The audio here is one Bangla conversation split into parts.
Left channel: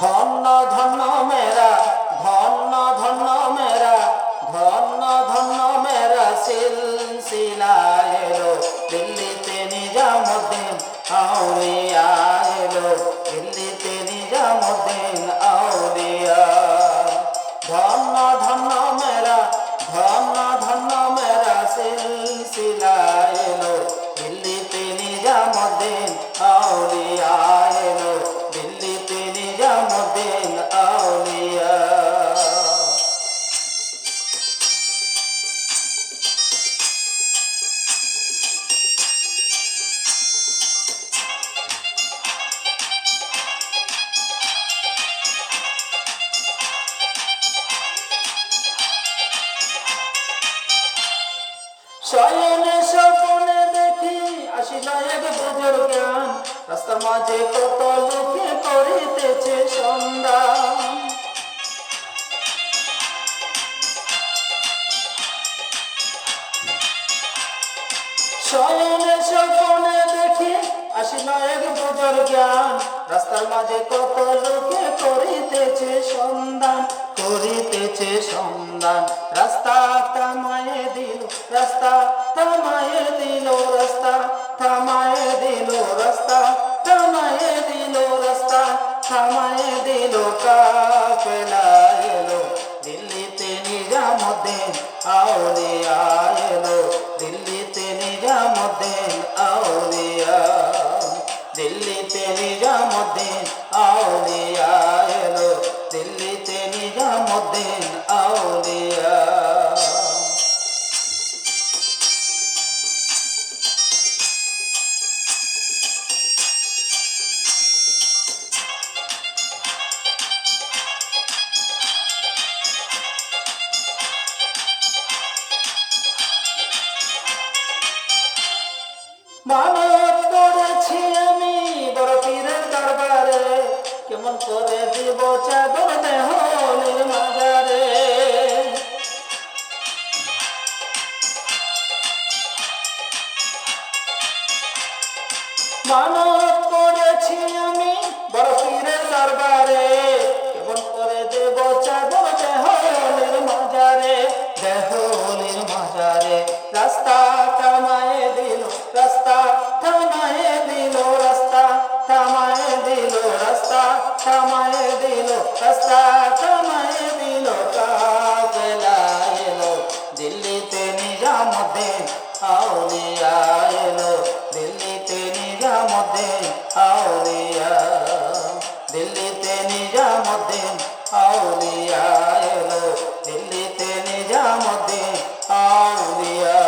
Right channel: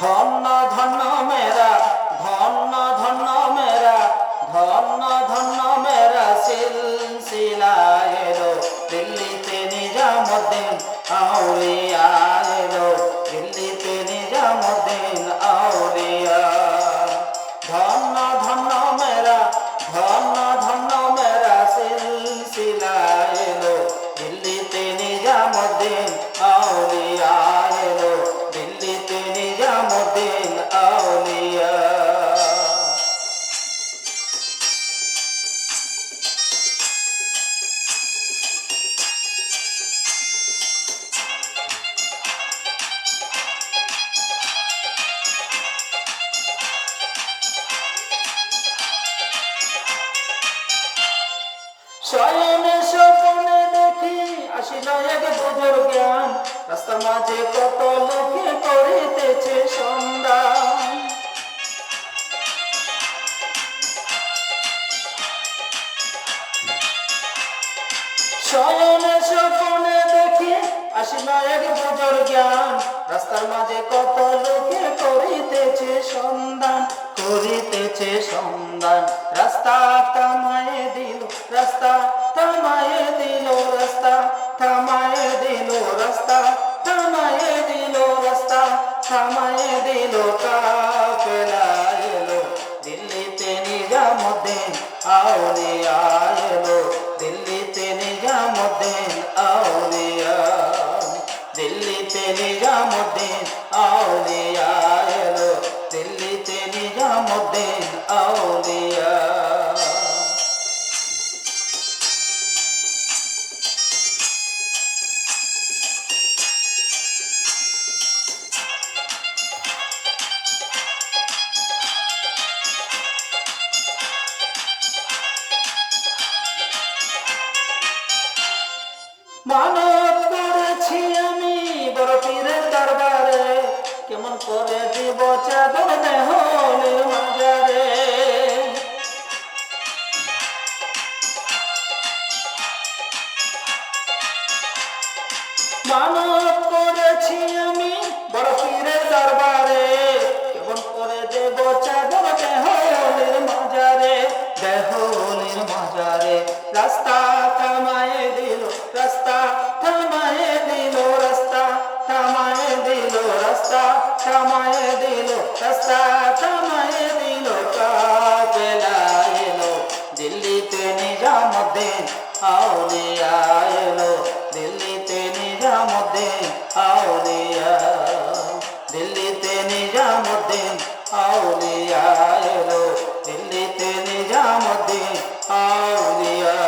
ধন্য ধন্য মেরা ধন্য ধন্য মেরা ধন্য ধন্য মেরা সিলসিলা এলো দিল্লিতে নিজামুদ্দিন আউলিয়া এলো দিল্লিতে নিজামুদ্দিন আউলিয়া ধন্য ধন্য মেরা ধন্য ধন্য মেরা সিলসিলা এলো দিল্লিতে নিজামুদ্দিন আউলিয়া এলো দিল্লিতে নিজামুদ্দিন আউলিয়া শয়নে স্বপ্নে দেখি আসিল এক বুঝুর জ্ঞান রাস্তার মাঝে কত লোকে করিতেছে সন্ধান শয়নে স্বপ্নে দেখি আসিল এক বুঝুর জ্ঞান রাস্তার মাঝে কত লোকে করিতেছে সন্ধান রাস্তা থামায়ে দিল রাস্তা থামায়ে দিল রাস্তা থামায়ে দিল রাস্তা থামায়ে দিল রাস্তা থামায়ে দিল কাফেলা এলো দিল্লিতে নিজামুদ্দিন আউলিয়া এলো দিল্লিতে নিজামুদ্দিন আউলিয়া দিল্লিতে নিজামুদ্দিন আউলিয়া এলো দিল্লিতে নিজামুদ্দিন আউলিয়া মানত করেছি আমি বড় পীরের দরবারে কেমন করে দিব চাদর দেহলের মাজারে মানত করেছি আমি বড় পীরের দরবারে কেমন করে দেব চাদর দেহলের মাজারে রাস্তা থামায়ে দিল রাস্তা থামায়ে দিল রাস্তা থামায়ে দিল রাস্তা থামায়ে দিল রাস্তা থামায়ে দিল কাফেলা এলো দিল্লিতে নিজামুদ্দিন আউলিয়া এলো দিল্লিতে নিজামুদ্দিন আউলিয়া দিল্লিতে নিজামুদ্দিন আউলিয়া এলো দিল্লিতে নিজামুদ্দিন আউলিয়া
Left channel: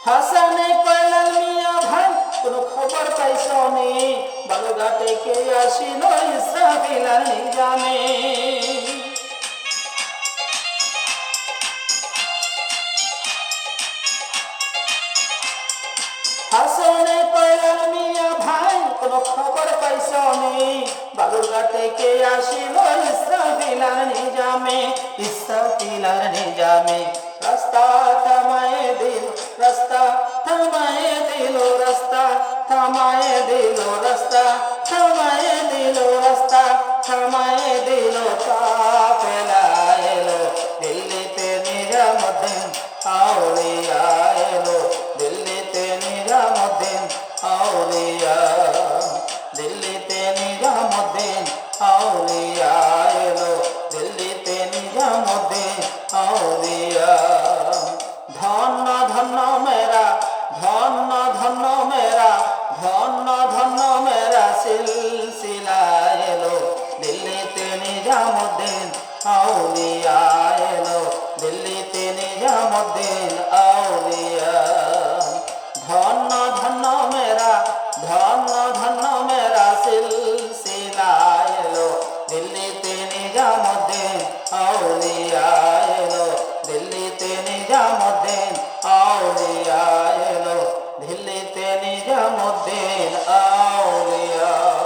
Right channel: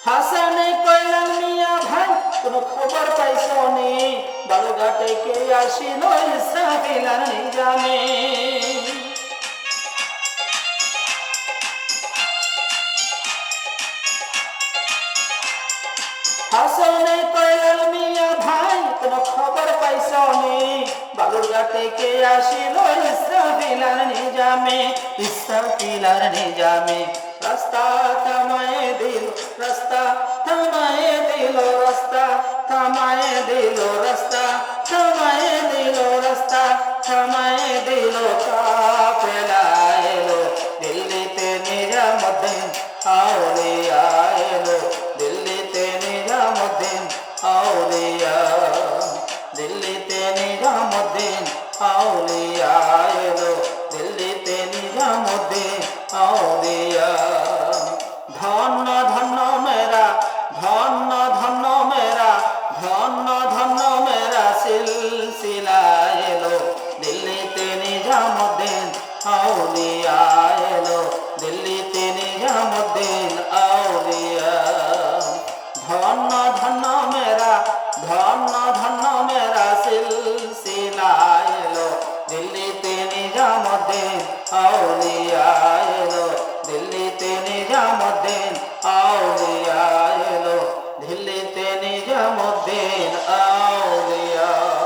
হাসানে কইলেন মিয়া ভাই কোনো খবর পাইছনি বালুঘাটে কে আসিল ইসরাফিলার নিজামে হাসানে কইলেন মিয়া ভাই কোনো খবর পাইছনি বালুঘাটে কে আসিল ইসরাফিলার নিজামে রাস্তা থামায়ে দিল রাস্তা থামায়ে দিল রাস্তা থামায়ে দিল রাস্তা থামায়ে দিল রাস্তা থামায়ে দিল কাফেলা এলো দিল্লিতে নিজামুদ্দিন আউলিয়া এলো দিল্লিতে নিজামুদ্দিন আউলিয়া দিল্লিতে নিজামুদ্দিন আউলিয়া এলো দিল্লিতে নিজামুদ্দিন আউলিয়া ধন্য ধন্য মেরা ধন্য ধন্য মেরা ধন্য ধন্য মেরা সিলসিলা এলো দিল্লিতে নিজামুদ্দিন আউলিয়া এলো দিল্লিতে নিজামুদ্দিন